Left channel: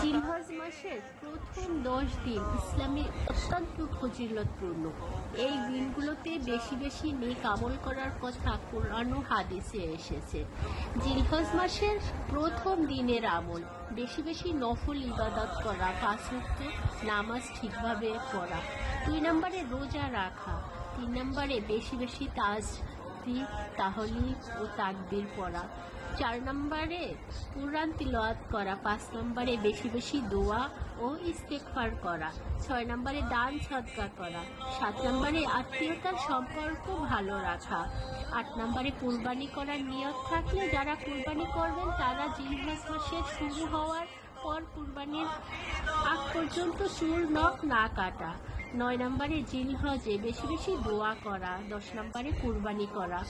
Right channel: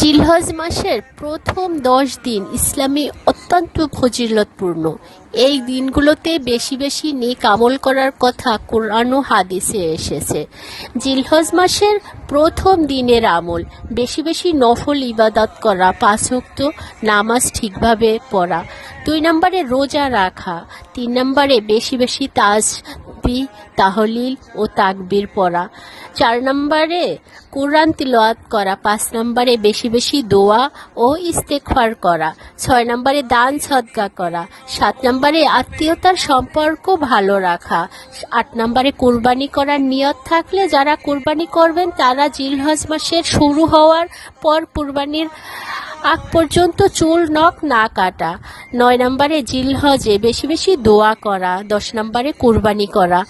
জিলহজ মাসের প্রথম 10 দিন ইসলামে অত্যন্ত ফজিলতপূর্ণ। এই দিনগুলোতে বেশি বেশি নেক আমল করার কথা কোরআন ও হাদিসে এসেছে। জিলহজ মাসের প্রথম দিনের আমল বেশি বেশি নফল ইবাদত করা, 5 ওয়াক্ত নামাজ ঠিকভাবে পড়া। 2 নম্বরে রোজা রাখা। 3 নম্বরে বেশি বেশি তাসবিহ, তাহলিল ও তাকবীর পড়া। 4 নম্বরে কোরআন তিলাওয়াত করা। 5 নম্বরে বেশি বেশি দোয়া ও ইস্তেগফার করা। 6 নম্বরে দান সদকা করা। 7 নম্বরে আত্মীয়তার সম্পর্ক ভালো রাখা। 8 নম্বরে কুরবানি করার নিয়ত থাকলে যারা কুরবানি করবেন তারা জিলহজ মাসের শুরু হওয়ার পর কুরবানির আগ পর্যন্ত চুল নখ না কাটা। 9 নম্বরে জিলহজে বেশি বেশি দোয়া করা। 10 নম্বরে কুরবানি করা।